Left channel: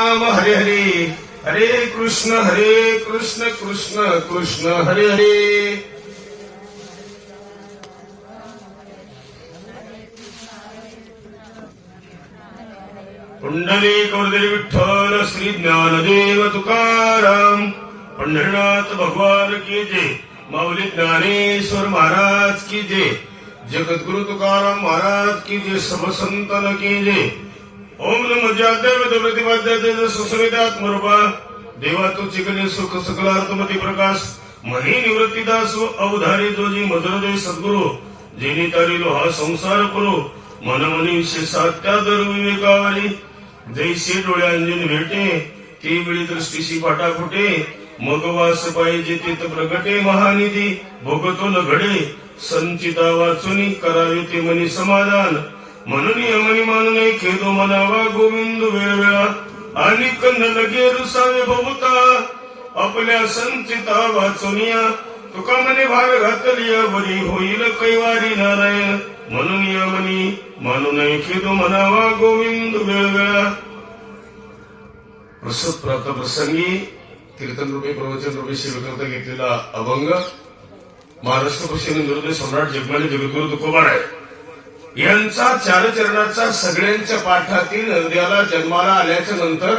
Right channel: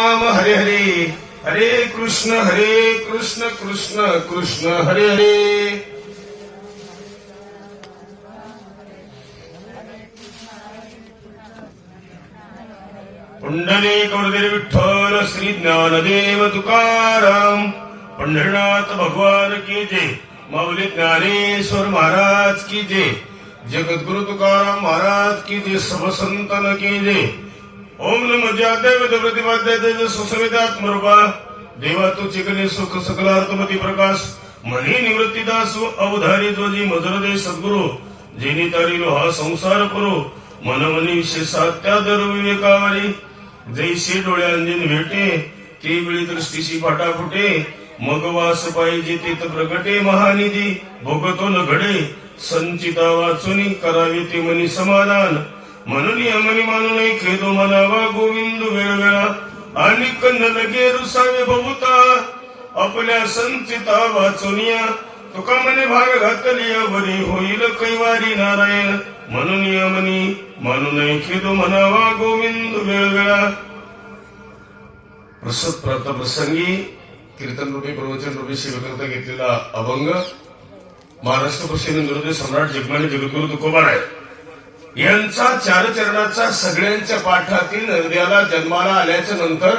राम हरे हरे हरे कृष्ण हरे कृष्ण कृष्ण कृष्ण हरे हरे. पुंडली कौरदेव विठ्ठल श्री ज्ञानदेव तुकाराम पंढरनाथ भगवान की जय. माऊली ज्ञानेश्वर महाराज की जय. जगद्गुरु तुकाराम महाराज की जय समसंतन की जय. ओम नम जादेव प्रतिपाद्य सुसवितात्मरूपा देवा तू चिकले सुख सकलार्थमती प्रकाश। मनी निवृत्तीदास अवधारी जोजी मजरदे सद्गुरु। जेनी तारिलो हा संसार पुरो। मन मनी सात्या दर विवेकावरी। जैसे डोळ्यांजीन भेटे ते वेळी दृष्टीशी फाटा फुटे। मग वास पाहिजे ते तर प्रगटे महानिधी। भोगतो न घडे संचिता वाचून करावे ते मनी समाधान। म्हणून यमनी मानू नये खेदो म्हणावा गोविंद वेळवेळा आणि कंद लगे रुसावे बहुता आपल्या संचिता वाचुनिया तुका मने भाग घातलिया बरी होईल कैवारी नारायण म्हणून यमनी मानू नये खेदो म्हणावा गोविंद वेळवेळा प्रसत प्रात प्रसंगी कीर्तन रूपे प्रवचन रूपे सेवेकरता घेतलेला अभंग महाराष्ट्र प्रसिद्ध गुरुदेव सम्राट जगमाने जगद्गुरु तुकोबार आहे यांचा चारचरणाचा सगळ्यांच्या पाठातील नद्याला जन्माला आल्याच्यानंतर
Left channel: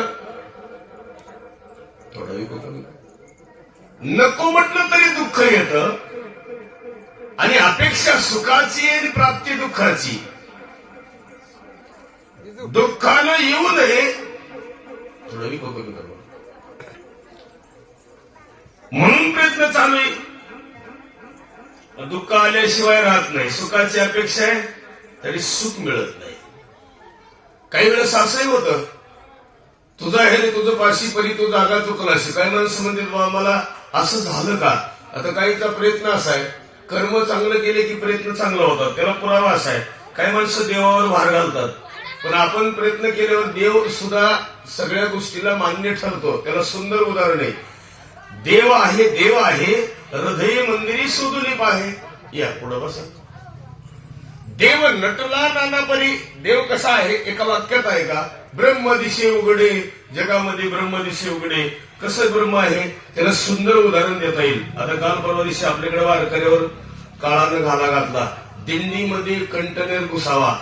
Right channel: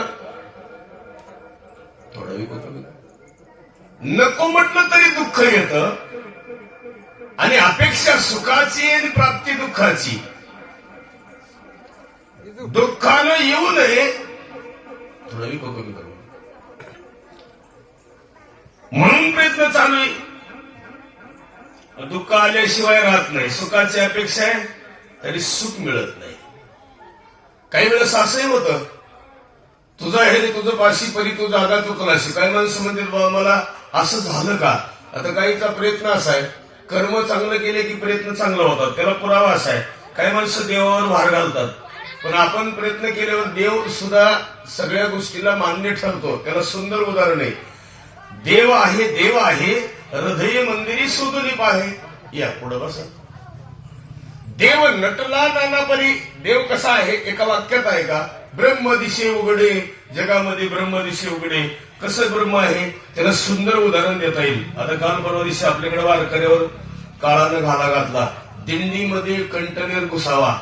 नको म्हटलं तरी दुःख येत. आणि अपेक्षा सुखाची आणि प्राप्ती दुःखाची. दुःखानं येऊ नये. म्हणून प्रयत्न चालू आहे. दुःख आल्याशिवाय राहत नाही. सुखाची अपेक्षा आहे. तरी सुख मिळत नाही. काही वेळेस असंही होतं तुझा हे तुझं पाशी परी तू जागा चुकलाशी काही माणसं म्हणतील बा मला असं झालं का? आता काहीचा प्रयत्न असा आहे कर्म चांगलं केले की प्रयत्न चांगला होतात त्याला पुरावा असा आहे. काही माणसं देवावर भार घालतात पण आपण प्रयत्न केल्यावर देव सुद्धा सगळ्या गोष्टीला मान्य ठरतो. त्याला सुंदर उदाहरण आहे. देव आहे देव आहे हृदय मंदिरी सुदुलीप आहे. या पुढं बसा. देव नटला नानापरी देव कसा आहे? एका वाक्यात आहे का? ब्रह्म दिशे उघडे जगामध्ये ब्रह्म दिशे उघडे. कसं ब्रह्म आहे? त्याला सुंदर उदाहरण देता येईल. आता काल परवा दिवशी आपल्याकडे वारकऱ्यावर काळानं घाला घातला. दिंडीमध्ये कंटेनर घुसावा.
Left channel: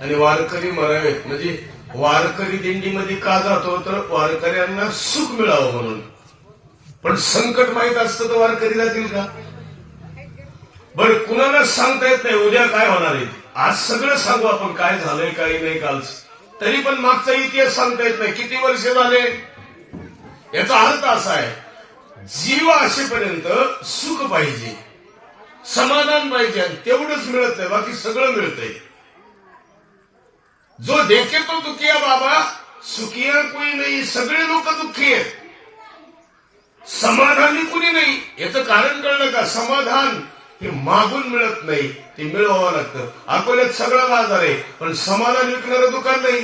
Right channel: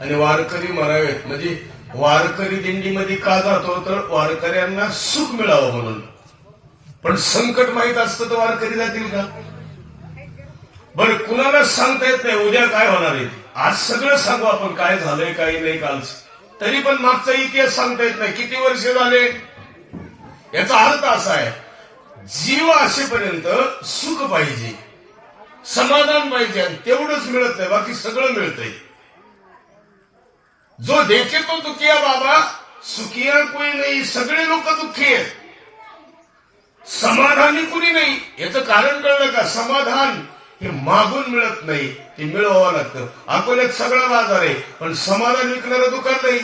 आणि वारकरी मरावेत म्हणजे वारकरी दिंडीमध्ये का जातो? तर वारकऱ्यांना सुख मिळावं म्हणून. पण संकट माहीत असतं तर वारकरी जातील का? बरं कुणालाच सांगता येत नाही उद्या काय होणार आहे? आज सगळं सांगू आपण काय झालंय काही नाही कालच. तरी पण मागचा इतिहास सांगता येत नाही. किती वर्ष झाले? याचा अर्थ असा आहे जीव असेपर्यंत सुख पाहिजे समाधान पाहिजे आणि तेवढंच मिळत नाही बाकी सगळं मिळतंय. जो देखे तो दुखिया बाबा सुखिया कोणी नाही सगळे लोक दुःखी आहेत. समाधानी कुणी नाही याचं कारण कळलं का? समाधान हे मागून मिळत नाही ते मिळवावं लागतं. अकोल्यात सगळा बाजार आहे पण समाधान विकणारं दुकान नाही.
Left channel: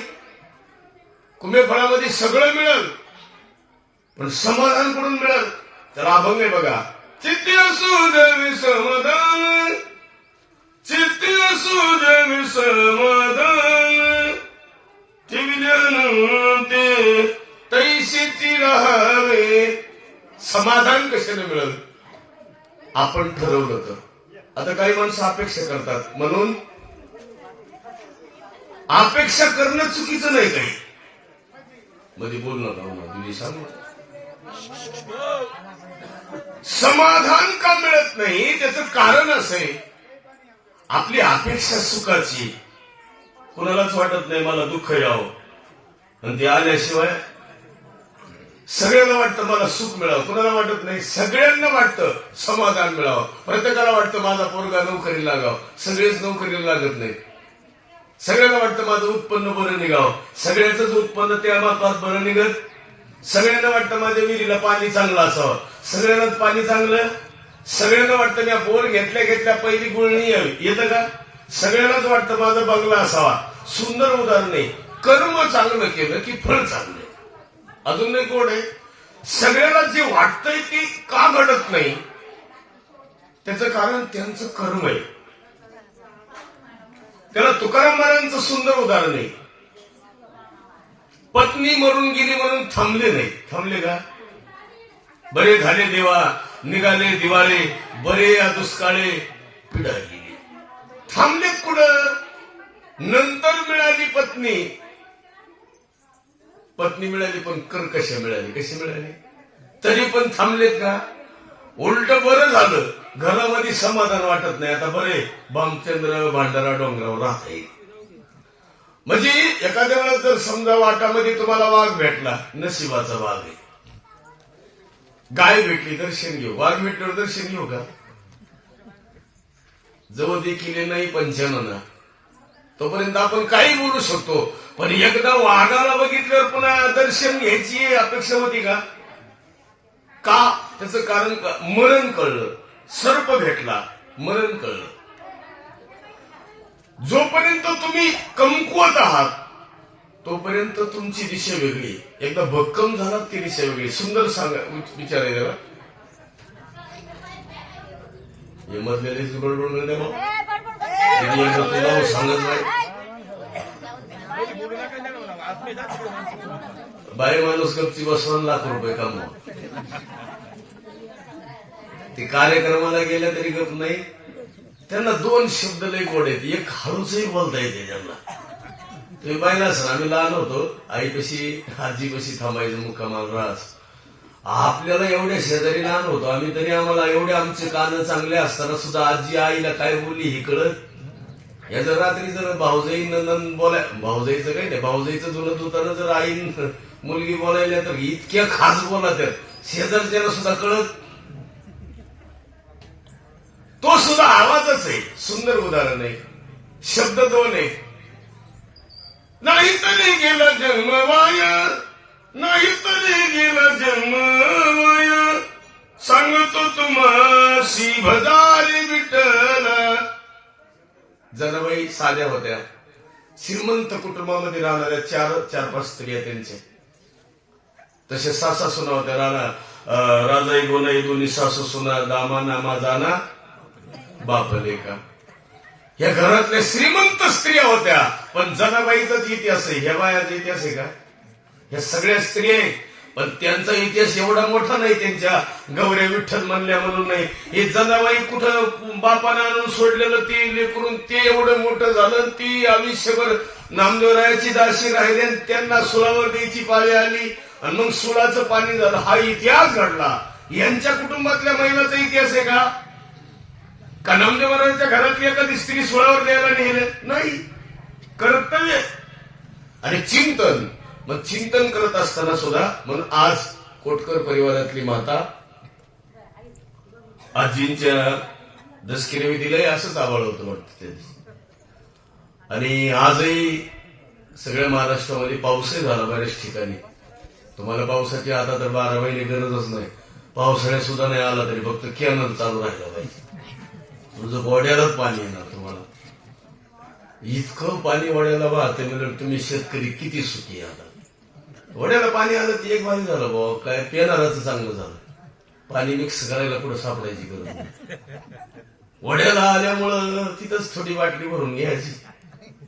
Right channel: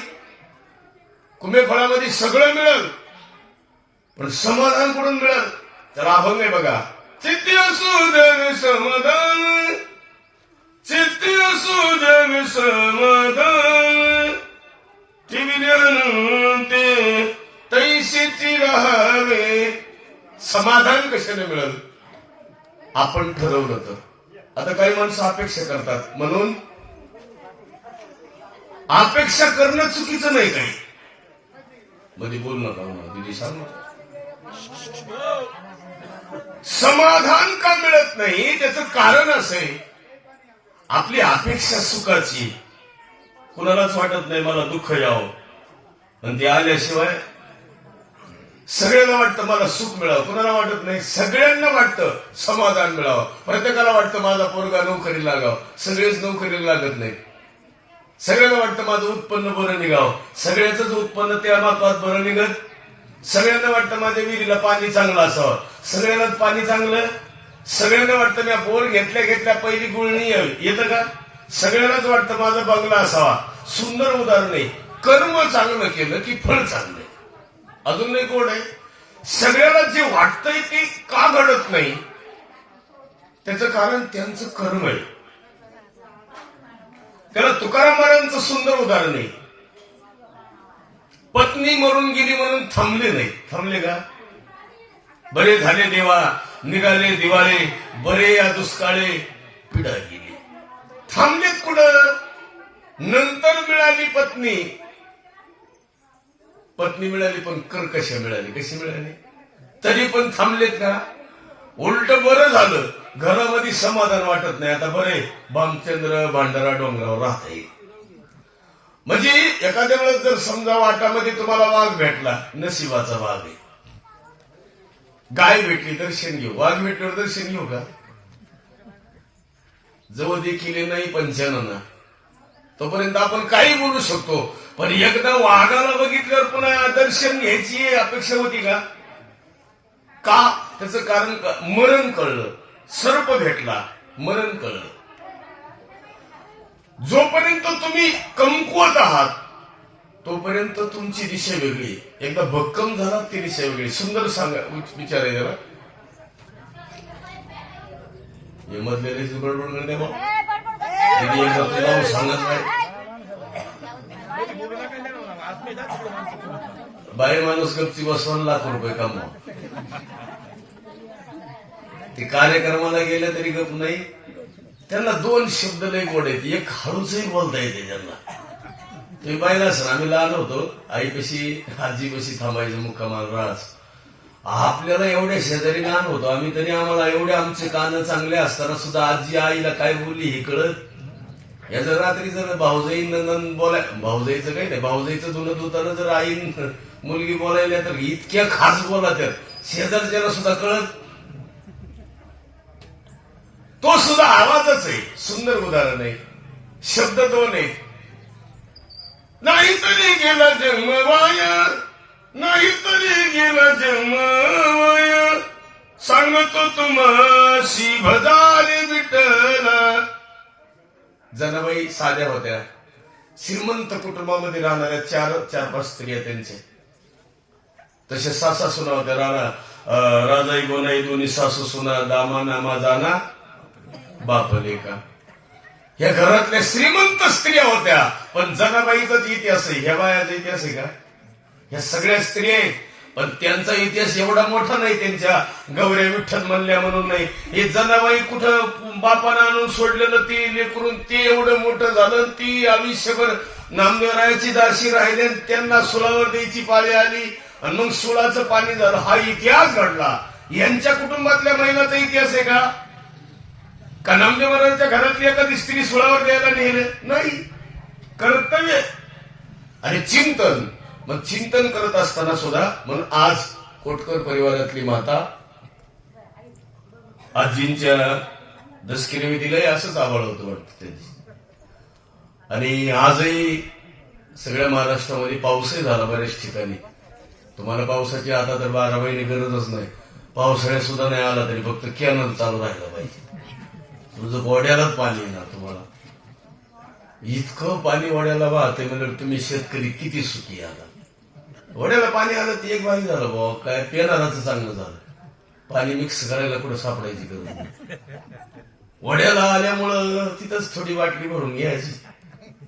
कुंभे फळामध्ये सगळं मिळेल पण समाधान कुठून मिळेल. त्याला अभंग आहे बघा चित्ती असू समाधान चित्ती असू समाधान ते तैशीची राहावे समाधान कशाने मिळेल? आपण ठरवलं तर आता काही माणसं अपेक्षा करतात. म्हणून अपेक्षा करणं चुकीचं नाही काही. मध्ये बोल नका दिदी सांग ना. समाधान का मिळत नाही? त्याचं कारण असं आहे. आपली अपेक्षा सुखाची कुणालाच वाटत नाही मला दुःख यावं. आणि ते आल्याशिवाय सगळ्यांना वाटतं मला सुख मिळावं. कुणाला वाटत नाही? सगळ्यांना वाटतं समाधान मिळावं. प्रत्येकाला वाटतं माझा पोरगा नोकरी लागावं. सगळेच नोकरीला लागत नाही सगळ्यांना वाटतं माझं उत्पन्न बरं निघावं. सगळ्याच उत्पन्न त्या मापात बरं निघत. सगळ्यांना वाटतं माझ्या विहिरीला पाणी चांगलं असावं. सगळ्यांनाच पाणी चांगलं? सगळ्यांना वाटतं मी बोर घेतल्या घेतल्या पहिली गुळणी येतं का? सगळ्यांनाच वाटतं माझा बंगला असावा. सुंदर उदाहरण आहे. कर्म चांगलं केलं की फळ चांगलं अजून नाही कोण आहे. सगळ्यांना जे वाटतंय ते का घडत नाही त्याचं कारण त्यांचं कर्म आहे. त्याला तुकाराम महाराजांचं सुंदर उदाहरण आहे. पत्नी मरून गेली म्हणून थांबले नाही. थांबले का? बरे झाले देवा निघाले दिवाळे बरे या दुष्काळे पिढा गेली. थांबलेत कुठं? नंतर मिळाली पत्नी. पत्नी मिळाली पण कर कशी मिळाली? कशी मिळाली? तरी पण थांबलेत का? उलट बरं झालं. घरामध्ये समाधान वाटत नाही. आता बरे भामचंद्र भांडारा डोंगरावर राहत आहे म्हणजे एखाद्या वेळेस जर समजा वाटामध्ये तुम्हाला वाघ भेटला नशिबाचा वाघ आहे. गाय भेटली दर्शन घेऊ. वाघ भेटल्यावर दर्शन घेऊ का? जवळ देखील नाही पंचानना तोपर्यंत आपण काही बोलू शकतो. पण एकदा वाघाला बघितल्यावर पुन्हा दर्शन घ्यायची अपेक्षा होती का? का? त्याचं कारण का? मरण कळलं. सर्प भेटला. मरण कळलं. जोपर्यंत तुम्ही कमकुवत आहात तोपर्यंत तुमची दिशा वेगळी. एकदा भक्कम झालात ती दिशा वेगळी. सुंदर सांगा विच- विचार आहे त्याला. हे मधले बडबड म्हणते मग. किती एकदा तुला सांगत नाही. बाई माणूस गपची बसवून लाख रुपये कमवा. ते कार्यक्रमाला गेल्या तरी गप नाही. त्यांना दोन शब्द लय गोड आहेत. एक हळूचही बोलता येते त्यांना. तुम्ही पाहिला सर आम्ही लहान होतो. आईपाशी आजीपाशी थांबायचं मुक्कामाल रास. आपल्याला एवढ्या शेजारी लहान होतो. आम्ही तरी आम्हाला एवढे आमचे कान चांगले असताना सुद्धा आजी आईला काय बोलली हे कळत? या जर रात्री जर भाऊजाई नंदन बोलाय भाऊजाईचं काही नाही भाऊजाईचं जुनं धुताना जर आई मुलगी बोलायला तर इतक्या खास बोला तर शेजारच्याला सुद्धा कळत. तो सुद्धा आवाजच आहे. सुंदर उदाहरण आहे. शब्द दोन आहे. नाही तरी गेला जन्म वाया. नाही तरी गेला जन्म वाया. सांगतो तुम्हा भजारी विठला जनाबाई साध्या होत्या. श्रीमंत कुटुंबामध्ये राहणाऱ्या चार चार पाच स्त्रिया त्यांचे. तसे सासा सुना होत्या. राणा अं, राजाई गोनाई दोन्ही सासू सुना दामा नामा जाना बाप का या घरातल्या श्रीमंत स्त्रिया होत्या. पण जनाबाईचाच इतिहास आहे. ह्या बायाचा इतिहास आहे का? ह्या सगळ्या स्त्रिया आहेत. पण त्यांचा इतिहास एवढा मोठा नाही त्यांच्या गौऱ्या विठ्ठल म्हणल्या म्हणून नाही. हे जनाबाई कुठं बापानं आणून सोडलेलं ते लेकरून ते एवढं मोठं झालं ती आयुष्यभर नामदेवरायाची दाशी राहिली आणि त्यांना सुलावर द्यायची पाळी आली. आणि मग सुळाचं पाणी झालं. हा इतिहास घडला. यांच्या कुटुंबातल्या महिलाचा इतिहास आहे का? का नामदेव महाराजांच्या घरातली एखादी स्त्री सुळावर द्यायला नेलं नाही. कर्तव्य आणि चिंतन. मग चिंतन करत असताना सुद्धा म्हणून आज कोटकर परिवारातली माता आजींच्या दसकिरी दिलंय असंच आवाळ होतं वाटतं त्यांची आणि आजही सगळ्या महाराष्ट्रामध्ये पाऊसही झाला बऱ्याच ठिकाणी. तुम्हाला पावसाची आता तर बारा महिने गरजच नाही. पावसाळ्यात सुद्धा नाही आला तरी फक्त कॅनल चालू राहिला पाहिजे. तुझं बॉड्यालाच पाणी येणार तुम्हाला. इतकं पाणी वड्याला वाहतंय म्हणजे तुम्ही शेतकरी किती सुखी आहे आता वड्याला पाणी आलं ती एक भारी झालं भाऊ काय पेनाराचं चांगलं झालं. पाणी मिक्स करायला कुठं सापडायची गरज नाही. वड्याला आल्यामुळं तिथंच थोडी बाटली भरून घ्यायची.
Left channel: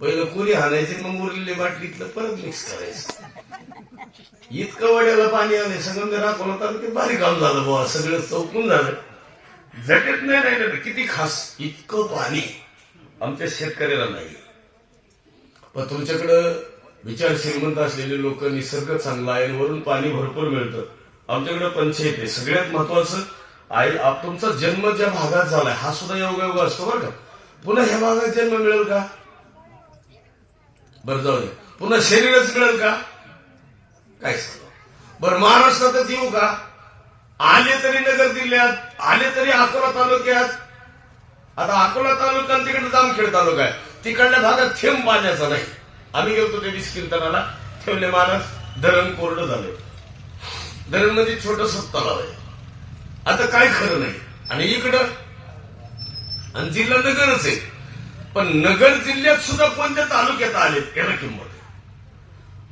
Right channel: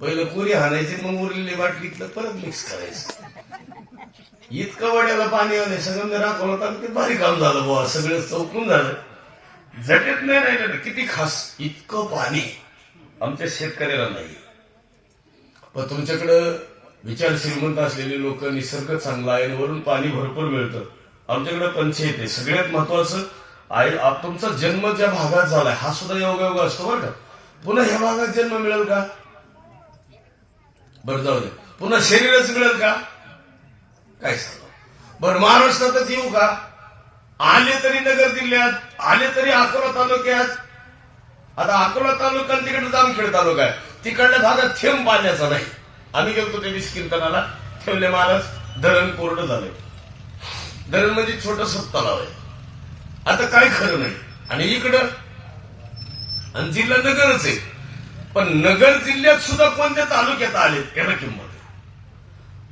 पहिलं पुरी हाणायची मग उरलेली बाटलीतलं परत मिक्स करायचं. इतकं वड्याला पाणी आलंय सगळं राखवलं तर ते भारी काम झालं बाबा सगळं चौकून झालं. झटत नाही राहिलं किती खास इतकं पाणी आमच्या शेतकऱ्याला नाही. पण तुमच्याकडं विचार श्रीमंत असलेले लोक निसर्ग चांगला आहे वरून पाणी भरपूर मिळतं. आमच्याकडे पंचायत आहे. सगळ्यात महत्वाचं आई तुमचा जन्म ज्या भागात झालाय हा सुद्धा योगायोग असतो बरं का. पुन्हा ह्या भागात जन्म मिळेल का? बरं जाऊ दे. पुन्हा शरीरच मिळेल का? काय सांगा बरं महाराष्ट्रातच येऊ का? आले तरी नगर जिल्ह्यात आले तरी अकोला तालुक्यात. आता अकोला तालुका तिकडे जामखेड तालुका आहे. तिकडल्या भागात थेंब पाण्याचा नाही. आम्ही गेलो त्या दिवशी कीर्तनाला. ठेवले महाराज धरण कोरडं झालंय. धरण म्हणजे छोटस तलाव आहे. आता काय खरं नाही. आणि इकडं आणि जिल्हा नगरच आहे. पण नगर जिल्ह्यात सुद्धा कोणत्या तालुक्यात आले त्याला किंमत आहे.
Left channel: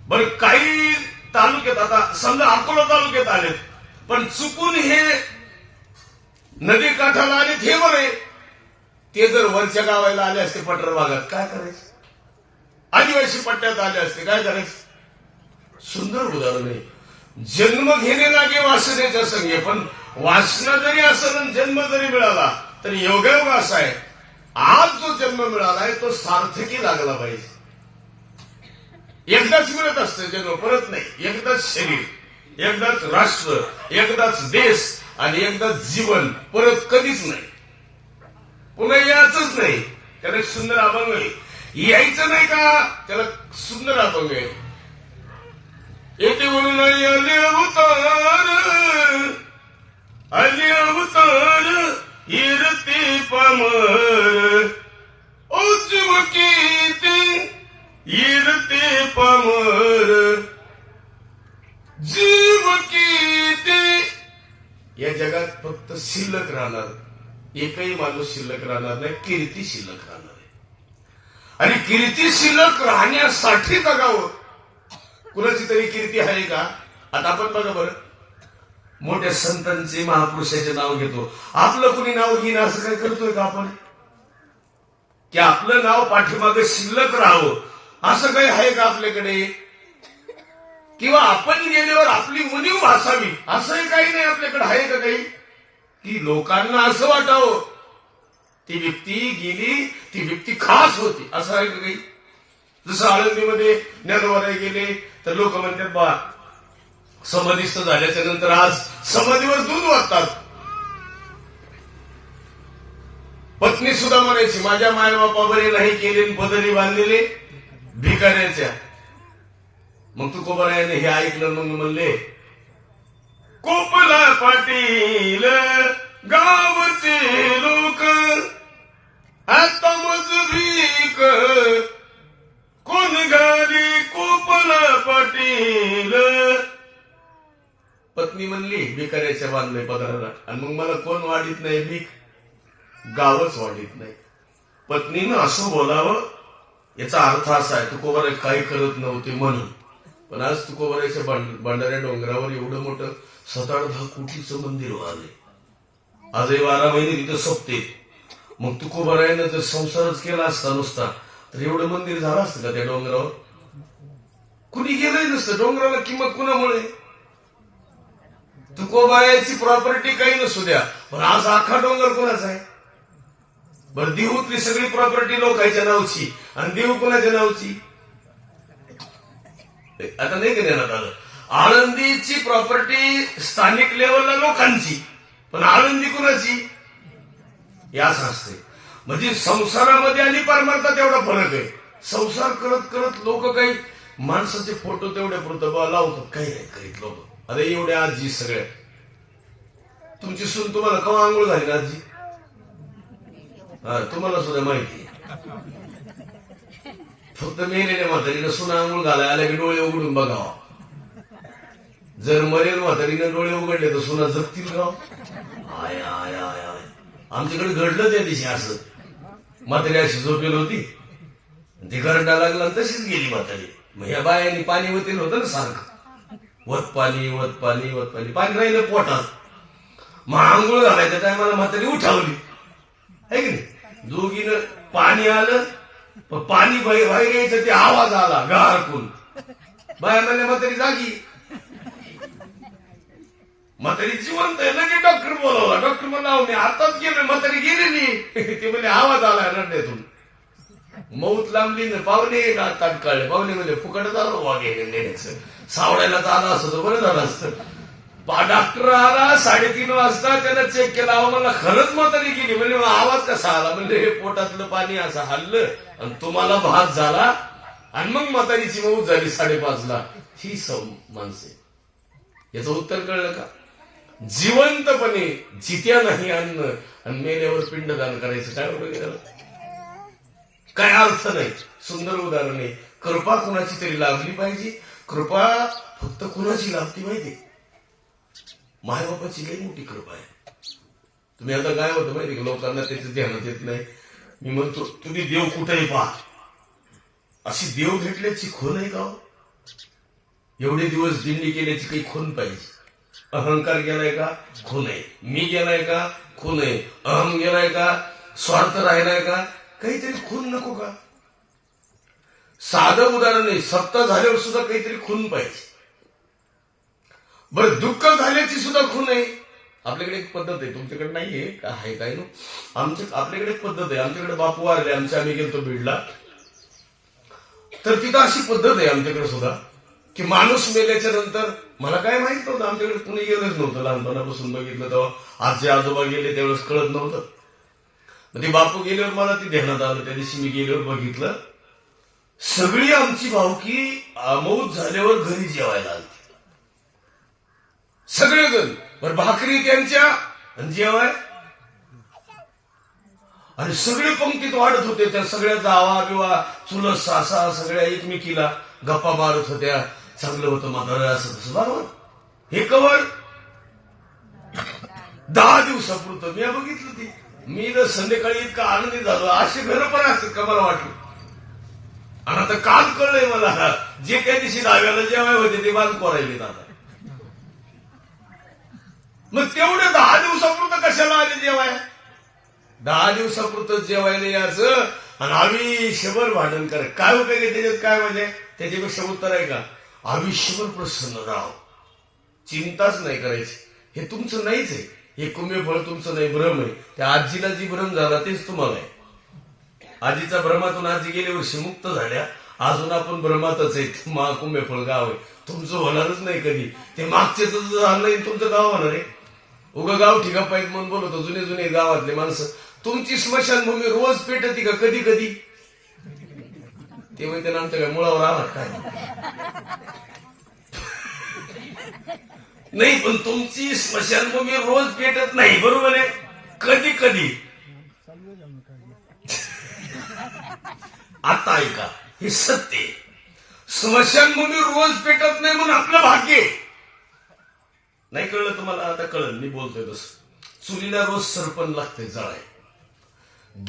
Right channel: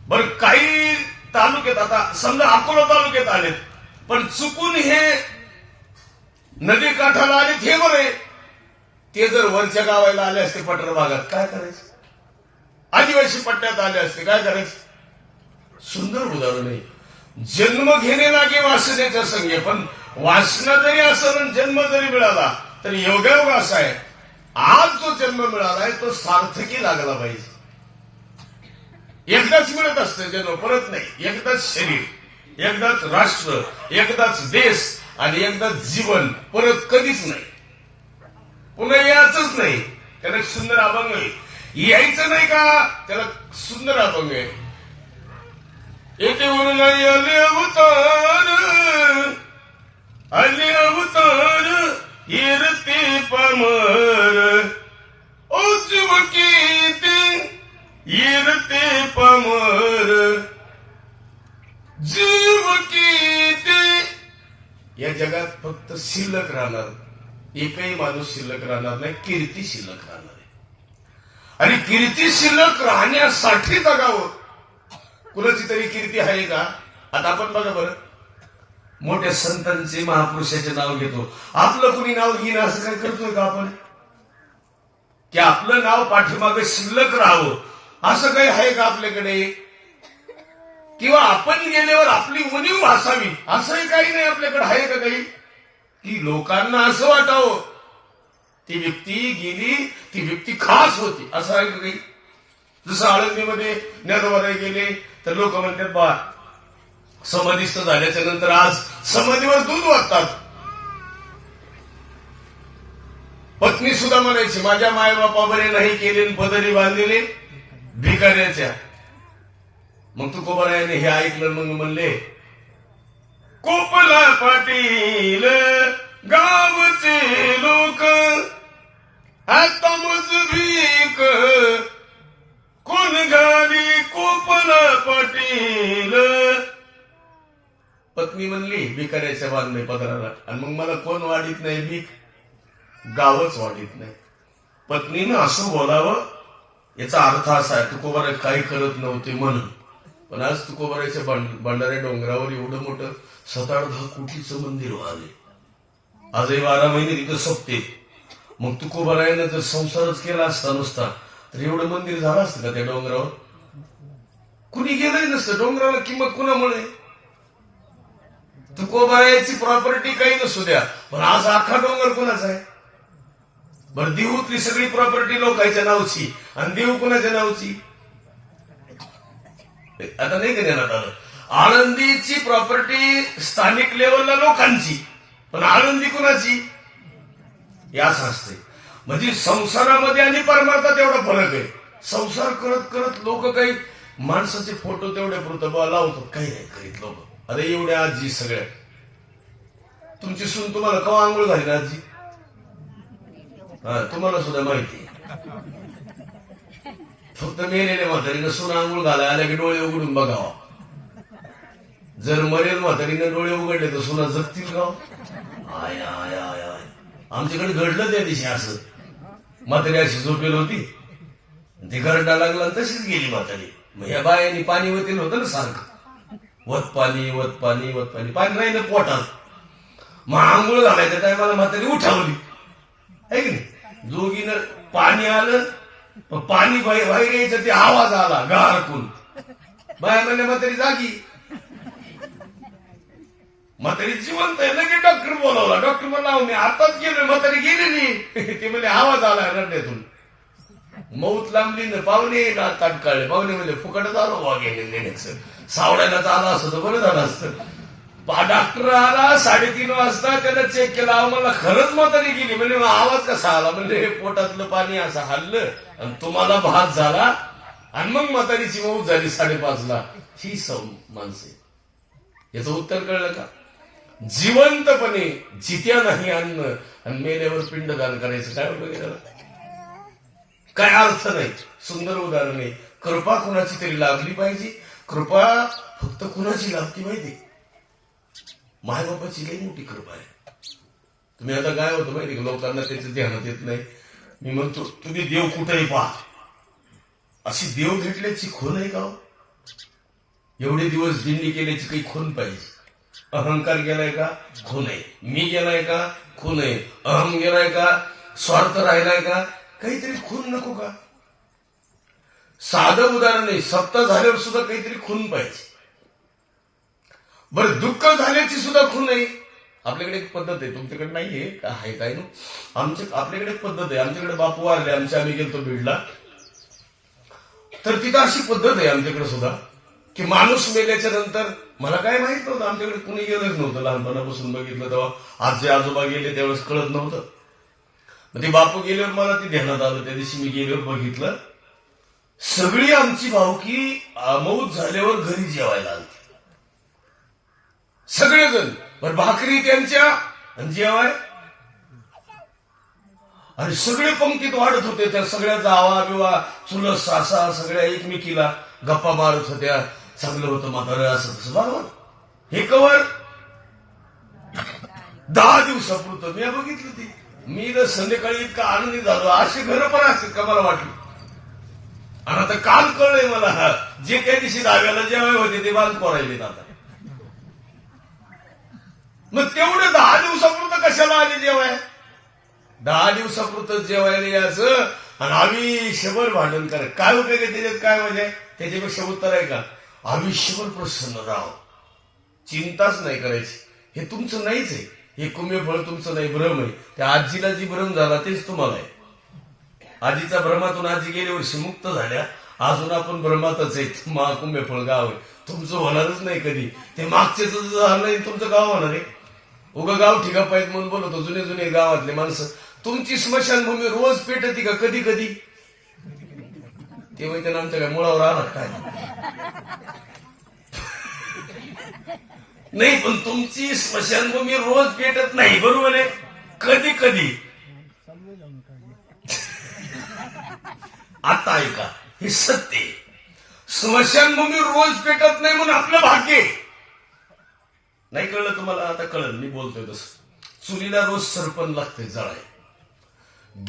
बरं काही तालुक्यात आता समजा अकोला तालुक्यात आलेत पण चुकून हे नदी काठाला आले हे बरे ते जर वरच्या गावायला आले असते पठार भागात काय करायचं? आदिवासी पट्ट्यात आले असते काय करायचं? सुंदर उदाहरण आहे. जन्म घेणे लागे वासनेच्या संघे पण वासना जरी असं आणि जन्म जरी मिळाला तर योगायोग असा आहे. आज जो जन्म मिळालाय तो सार्थकी लागला पाहिजे. एकदाच मिळत असतं जन्म परत नाही. एकदाच शरीर एकदाच राष्ट्र एकदाच देश आणि एकदाच जीवन परत कधीच नाही. पुन्हा यायचंच नाही. त्याला एक सुंदर अभंग आहे. यायचं नाही का? त्याला सुंदर अभंग आहे. येथे म्हणून आले अवतार. आले अवतार इरते पामर. ओ चिवकी इरते पामर. जीव ते या जगात फक्त शिल्लक राहणार. एकही माणूस शिल्लक राहणार नाही कीर्ती शिल्लक राहणार आहे. आणि कीर्ती शिल्लक राहण्यासाठी जगावं. कुणाची तरी कीर्ती आहे का? आता आपण बघा बरं. मोठ्या संतांचे महापुरुषाचे नाव घेतो. आपलं कुणी नाव घेणं असं काय करतोय का आपण? की आपलं नाव पाठीमागे शिल्लक राहावं. असं काही आहे का आपल्याकडे? किंवा आपण गेल्यावर आपली उणीव भासावी. असंही काही नाही आपल्याकडे आहे का काही? की लोकांना असं वाटावं. ती व्यक्ती गेली ती व्यक्ती खास होती. असं आहे काही? जसं आळंदीमध्ये ज्ञानोबाराय गेले तर लोक म्हणतात बा समाधीस्थ झाल्याच्यानंतर आज समाधीवर दूध वाटतात. पत्नी सुद्धा म्हणायची माझ्या मायबापा बरे नाही केले आणि बांधलेले भिकाऱ्याच्या. मग तू कोबरायाने हे ऐकलं मग म्हणले कोपला पाटील गावचे लोक आता मजबीक. कोण गाली कोपला पाटील? पत्नी म्हणली भिकाऱ्याच्या बांधले पदराला. आणि मग मला कोण वाढीत नाही भीक? गावच वाढीत नाही. पत्नीनं असं बोलावं याचा अर्थ असा आहे तुकोबारा काही करत नव्हते म्हणून. पण आज तुकोबाराच्या भंडाऱ्या डोंगरावर एवढं मोठं सात आठ दहा कोटीचं मंदिर व्हावे. आजही बारा महिने तिथं सोपते. मग तुकोबारायानं जर संसारच केला असता नुसता तर एवढं मंदिर झालं असतं का त्या डोंगरावर? कुणी गेलंही नसतं. डोंगराला किंमत कुणामुळे? तुकोबारायाची प्रॉपर्टी काही नसू द्या. पण आज आखा डोंगर कुणाचा आहे? बरं देऊतली सगळी प्रॉपर्टी लोकांच्या नावची. आणि देऊ कुणाच्या नावची? आता नाही का देण्यात आलं? आळंदीची प्रॉपर्टी स्थानिक लेवलला लोकांची पण आळंदी कुणाची? या असं असते म्हणजे संसारामध्ये आणि परमार्थात एवढा फरक आहे. संसार करत करत लोक काही माणसाचे फोटो तेवढे पुरतं बा लावतात. काही नाही करीत लोक. अरे एवढ्या आजी सगळ्या तुमची सून तुम्हाला कवा आंघोळ घाली ना आजी? हा तुम्हाला सुद्धा माहिती आहे. फक्त मेलेल्या म्हातारीनं सुना आंघोळ घालाय आल्या की डोळे उघडून बघावा. जर मरेल म्हातारीनं डोळे उघडले तर सुना जगतील का? आय आय आय आय. आमच्याकडे घडलं त्या दिवशी असं. म्हातारी अशी झोपेल होती. ती घरडा लागला तशीच गेली म्हातारी. मग ह्या बायांनी पाणी वतील होतं ना सारखं. वत पाणी वत पाणी वत पाणी. पाणी राहिलं पोटात. मग आंघोळ घालायच्या टायमाला म्हातारी उठावली. है की नाही? दोघीनं पाणी आलं पण पाणी बाहेर यायचं ते आवाज आला गारकून बाया म्हणले म्हातारी जागी. म्हातारी जिवंत आहे लगेच डॉक्टर बोलावला. डॉक्टर म्हणला मी आताच गेलो म्हातारी गेली नाही. ते म्हणले आवाज आला रडण्यातून. मौत लांबली ना पाहुणे ताटकाळले. पाहुणे म्हणजे फुकटच आलो वा गेले नेण्याचं. सावडायला आला असतं तर बरं झालं असतं. डॉक्टर आला साडेतीन वाजता त्याला चेक केला. अहो मला खरंच म्हातारी गेली. म्हणजे मग आवाज कसा आला? म्हणजे हे पोटातलं पाणी असं हल्लं आणि तुम्हाला भात झाला आणि मग म्हातारीची मऊ झाली साडेपाचला. ही सौ माणसे याचं उत्तर कळलं का? जिवंतपणे जित्या नाही अन्न आणि मेल्यावर पिंडदान करायचं काय उपयोग त्याला? काय अर्थ नाही. सुंदर उदाहरण. आहे कृपा कुणाची तरी लाभली पाहिजे. कृपा फक्त कुणाची लागती माहिती मायबापाची काही मोठी कृपा आहे. तुम्ही आता काय होतं माहिती का? लोकांना त्याचं ध्यानात येत नाही. मी म्हणतो तुम्ही देव कुठेही पहा. अशी देव भेटल्याची खून आहे का हो? एवढे दिवस दिंडी केल्याची काही खून पाहिजे. अहंकार गेलाय का? खून आहे. मी गेलाय का? खून आहे. अहम गेलाय का? स्वार्थ राहिलाय का? काहीतरी खून नको का? साधं उदाहरण नाही सत्ता झाल्यावर सुद्धा काहीतरी खून पाहिजे. बरं दुःख झाल्याची सुद्धा खून आहे. आपल्याकडे एक पद्धत आहे. तुमच्याकडे नाहीये. का आहे काय नो आमच्या आपल्याकडे एक पद्धत आहे. आमच्याकडे बापू वारले आमच्या आम्ही गेलतो बीडला. तर तिथं अशी पद्धत आहे आमच्याकडे सुद्धा की माणूस मेल्याच्या नंतर मला काय माहीत नव्हतं आमच्याकडे कुणी गेलंच नव्हतं. लहानपणापासून बघितलं तेव्हा. आजी आजोबा गेले त्यावेळेस कळत नव्हतं. मग ते बापू गेल्यावर मला ती ध्यानात आलं. त्या दिवशी मी गेल्यावर बघितलं सगळी आमची भावकी मौत झाल्यावर घरी जेवायला आली सगळेजण. पण भाकरी त्यांच्या आणि जेवाय? आणि सगळे पंक्तीत वाढत होते त्या सगळ्या जावा बिवा चुलत सासा सगळ्या एकमेकीला गप्पा मारत होत्या. चांगलं होतं म्हातारं असं तसं बरोबर? हे कवर? दहा दिवसापुरतं. मी बघितलं ती. मी तर संध्याकाळी इतका आनंदी झालो. अशी घर पण असतात का मला वाटलं? आणि आता काल कळलंय मला जे त्या दिवशी दाव्याला जेवाय होते ते बांध कोरायलेत आता. मग तेवढे दहा दिवसापुरतं कशाला आले जेवाय दहा दिवसापुरतं जेवायला यायचं आणि आयुष्यभर भांडण कराय काय उपयोग आहे त्याच्यात? काय म्हणजे? त्याच्यापेक्षा उत्तर आहे का? आयुष्यभर प्रसन्न राव चिंताच नाही करायची. हे तुमचं नाहीच आहे. हे कुंभफळ तुमचं नाही भ्रम आहे. त्या आजीला जी भ्रम झाला तेच तुम्हाला आहे. आजीचा भ्रमातून आजी गेल्या वर्षी मुक्त झाल्या. अजून आपण भ्रमातच आहे. मा कुंभेफळ गाव आहे. तुमचं होणारच नाही कधी. ते मागचे झालं तुमचं गाव होणार आहे. उगा गाव ठिकाप आहेत म्हणून बोलतो जुने जुने गावातले माणसं. तुमची स्मशानभूमी रोज पेटती का कधी कधी? ते म्हणते ना आमच्या काय मुळावर आला काय? नाही पण तुमची स्मशानभूमी रोज पेटत नाही बरोबर आहे? कधी कधी? आता ऐका हे सत्य आहे. स्मशानभूमी रोज पेटत नाही म्हणून आपलं भाग्य आहे. नाही कळलं तुम्हाला? आता कळलं मी बोलतोय तसं. चुलीला रोज सरपण लागते जळाय.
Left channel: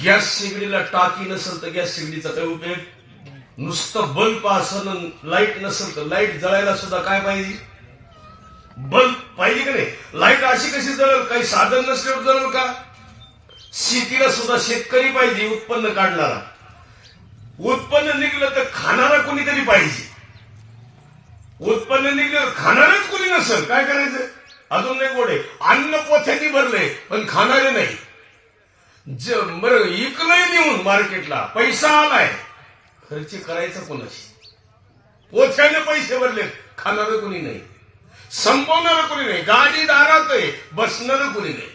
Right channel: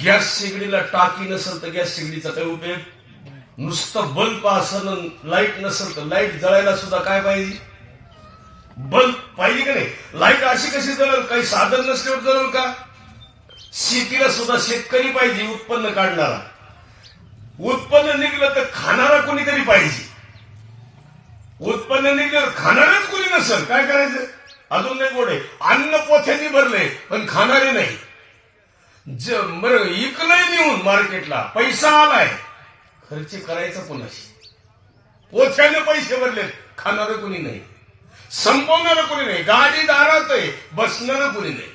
गॅस शेगडीला टाकी नसेल तर गॅस शेगडीचा काय उपयोग? नुसतं बल्ब असं लाइट नसेल तर लाइट जळायला सुद्धा काय पाहिजे? बल्ब पाहिजे का नाही? लाइट अशी कशी जळेल? काही साधन नसल्यावर जळेल का? शेतीला सुद्धा शेतकरी पाहिजे उत्पन्न काढणारा. उत्पन्न निघलं तर खाणारा कोणीतरी पाहिजे. उत्पन्न निघलं खाणारच कोणी नसेल. काय करायचं? अजून नाही गोडे अन्न पोथ्यांनी भरले पण खाणारे नाही. ज बरं इकलंय नेऊन मार्केटला पैसा आलाय. खर्च करायचा कोणाशी? पोथ्याने पैसे भरले खाणारं कोणी नाही. संपवणारं कोणी नाही. गाडी दारात आहे बसणारं कोणी नाही.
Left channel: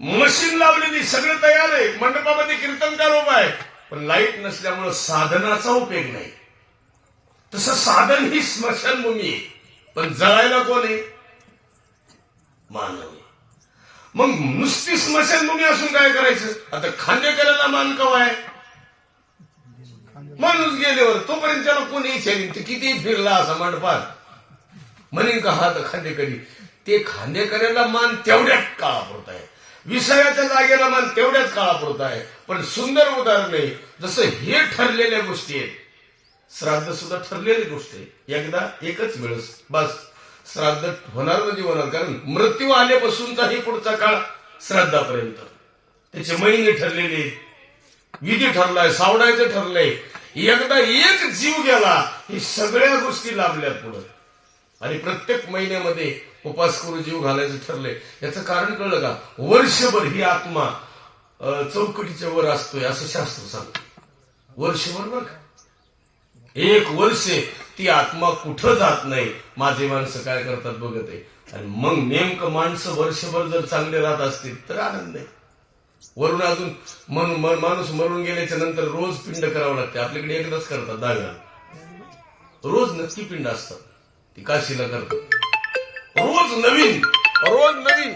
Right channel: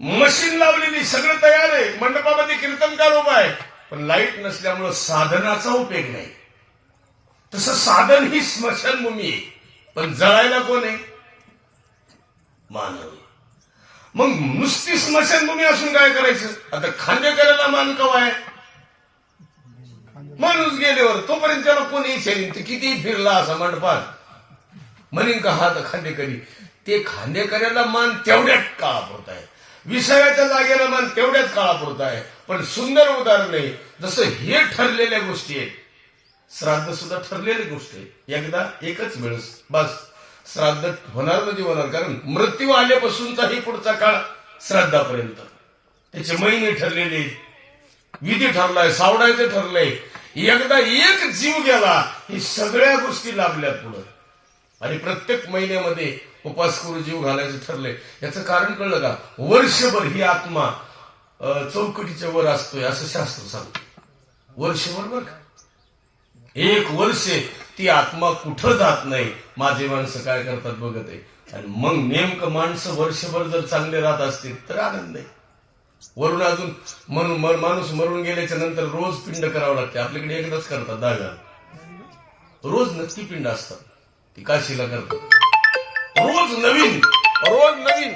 मशीन लावलेली सगळं तयार आहे. मंडपामध्ये कीर्तनकार उभा आहे. पण लाइट नसल्यामुळं साधनाचा उपयोग नाही. तसं साधन ही स्मशानभूमी आहे. पण जळायला कोण आहे? मानव. आहे मग नुसती स्मशानभूमी असून काय करायचं? आता खांदेकराला मान कवा आहे? माणूस गेल्यावर तोपर्यंत त्याला कोणी विचारीन ते किती फिरला असा मंडपात? म्हणेन का हा तर खांदेकरी ते खांदेकऱ्याला मान तेवढ्याच काळापुरत आहे. विसाव्याच्या जागेला मान तेवढ्याच काळापुरत आहे. पण सुंदर उदाहरण आहे. जसं हे ठरलेल्या गोष्टी आहेत. श्राद्ध सुद्धा ठरलेली गोष्ट आहे. एकदा एकच वेळेस बस. श्राद्ध होणार म्हणजे होणार कारण मृत्यू आल्यापासूनचाही पुढचा काळ श्राद्धापर्यंत. त्याचे महिने ठरलेले विधी ठरलाय सावडायचं ठरलंय. एकदा एक जीव गेला ही सगळ्या गोष्टी लाभल्यात पुढं. आणि प्रत्येक महिन्यामध्ये उपास करून जीव घालायचं ठरलंय. याचं कारण कळलं का? वर्षभर ही आत्मा चौकटीच्या वर असतोय असं शास्त्र सांगतो. वर्षभर बरं का? एक वर्ष ती आत्मा कुठं जात नाही? माझे माणसं काय करतात बघत आहे. आणि मग नेमकं माणसं वर्षभर जर चांगले राहत असतील तर आनंद आहे. वरून अजून म्हणून माणूस मरून गेल्याच्यानंतर रोज पिंड करावं लागते. आपल्याकडे एकदाच करतात दहा रोज नक्की पिंड असतात. ती काशीला करतात. रोज नवीन रोज नवीन.